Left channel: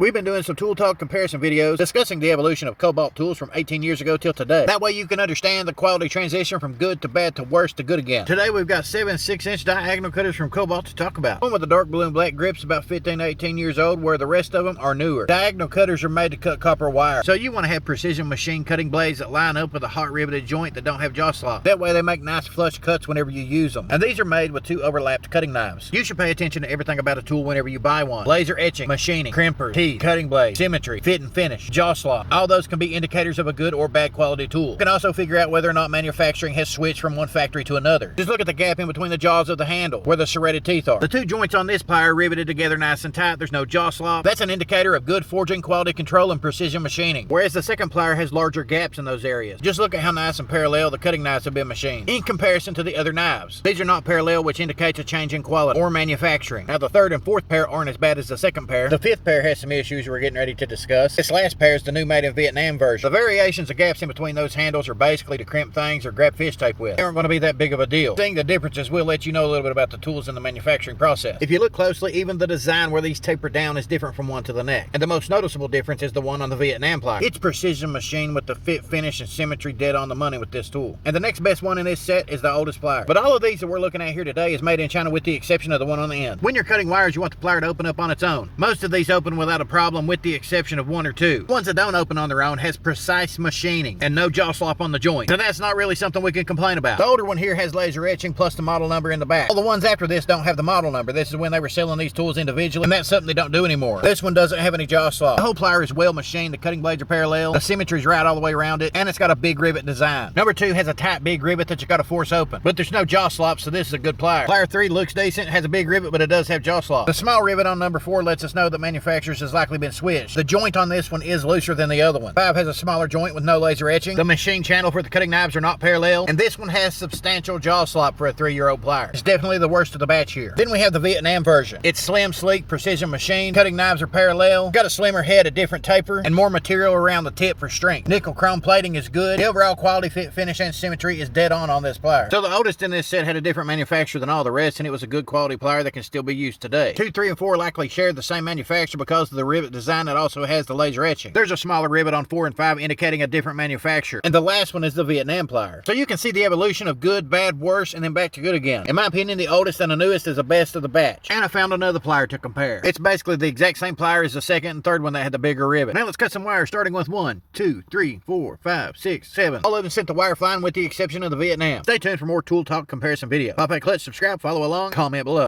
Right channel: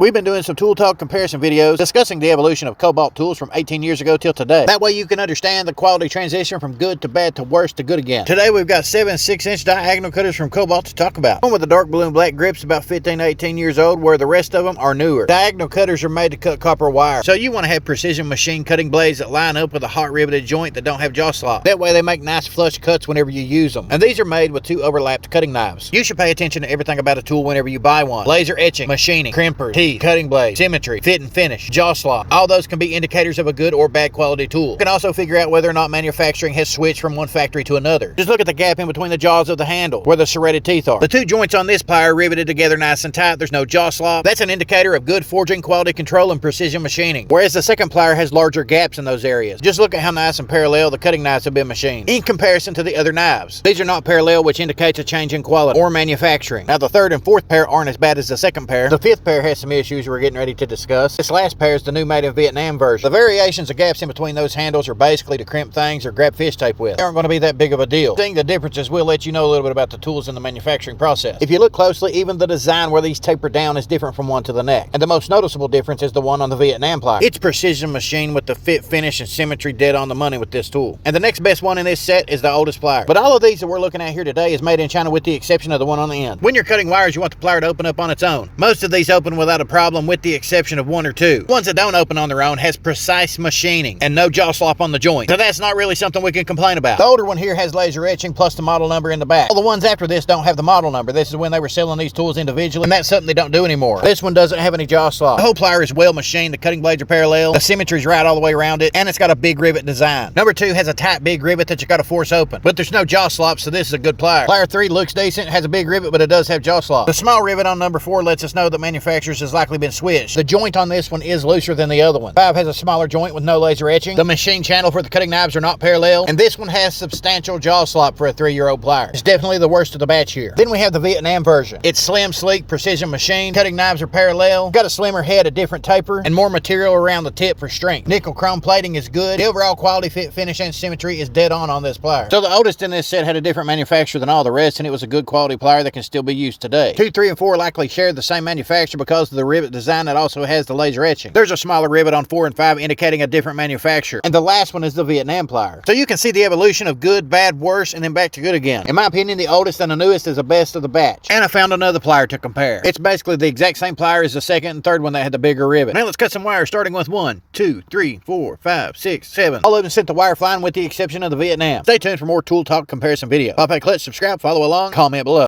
We've been doing some tool talk comparison videos discussing the evolution of Kobalt tools from 18 years ago till today. That way you can understand the quality transition from good to bad to worse to good again. Today we've got 7 6-inch diagonal cutters from Kobalt to talk about. One with the dark blue and black grips about 15 to 18 years old, where the rest of them are newer. Diagonal cutters are made to cut copper wire, so you want to have precision machine cutting blades that line up with a hot riveted joint that don't have jaw slop. That way they make nice flush cuts whenever you use them. And these are made with 2 overlapped cutting knives. You should pay attention to everything about a tool whenever you buy one. Laser etching, machining, crimpers, teeth, cutting blades, symmetry, fit and finish, jaw slop. All those can be indicators of a good or bad quality tool. You can also figure out whether or not manufacturing has switched from one factory to another. Just look at the gap in between the jaws of the handle, where the serrated teeth are. The 2 joints on this plier are riveted together nice and tight. There's no jaw slop. That's an indicator of good forging, quality control, and precision machining. Whereas the second plier has larger gaps in those areas. Just look at how nice and parallel the cutting knives have been machined in comparison to the other knives. These are not parallel, which indicates a change in quality or manufacturing. Now the third and fourth pair aren't as bad as the second pair. The fifth pair has some issues we're getting ready to discuss. This last pair is the new made in Vietnam version. The variations of gaps in between those handles are basically to crimp things or grab fish tape with. They aren't going to be that big of a deal. Seeing the differences will let you know a little bit about the tools in the manufacturing process. If you look closely, even the design where these taper down is different from one to the next. And the most noticeable difference is the one on the Vietnam plier. It's precision machine with the fit, finish, and symmetry dead on the money with this tool. And the next best one in this set is the oldest plier. But all of these that we're looking at here today is made in China with the exception of the one on the end. When you're cutting wires, you want the plier to open up on its own. Most of these open without a problem with the exception of 1 or 2. Ones that don't open on their own has precise machining and no jaw slop on the joint. So that's not really something we can complain about. The older one here has laser etching plus the model number in the back. All the ones after this don't have the model number. This is when they were selling these tools individually, and that's something they don't do anymore. This one doesn't have any jaw slop. The whole plier is well machined. The cutting blades are parallel. The symmetry's right all the way around it, and it's got a big rivet design. Number 2 has a tight big rivet that you gotta force open, but there's no jaw slop, so this is a good plier. Plier 3 looks decent, has a big rivet, but it does have jaw slop. The small rivet on number 4 lets us know that manufacturers has likely been switched. The joint on this one is looser than the other one. 5 has a smaller joint with no laser etching. The machine channel for the cutting knives are not parallel, and this one has substantial jaw slop for a 3-year-old plier. It's definitely the worst of the batch here. Then we have the Vietnam version. It's slim, sleek, precision machine. Cutting knives are parallel. Got a slimmer head, a different taper, and more material around the tip for strength. Nickel chrome plating is good. The overall quality, fit, finish, and symmetry is dead on this plier. So the oldest in this set had a different manufacturer than all the rest, and it was a good quality plier that can still be used today. 2, 3, and 4 likely share the same manufacturer because of the rivet design that also has the laser etching. There's a smaller rivet on 4 and 5 indicating a different manufacturer. And the last one is the Vietnam plier. So you can see the evolution of good, bad, worse, and then back to good again. In my opinion, the oldest and the newest is the best of the batch. And I found another plier to compare. It's basically the exact same plier as the second and third one that had the bigger rivet. Now let's cut some wires, starting with 1, 2, 3, 4, 5, 6, 7. All of them sent the wire flying with the exception of the Vietnam. Stay tuned for more tool talk comparison video. Pop a click, subscribe, follow along, comment below.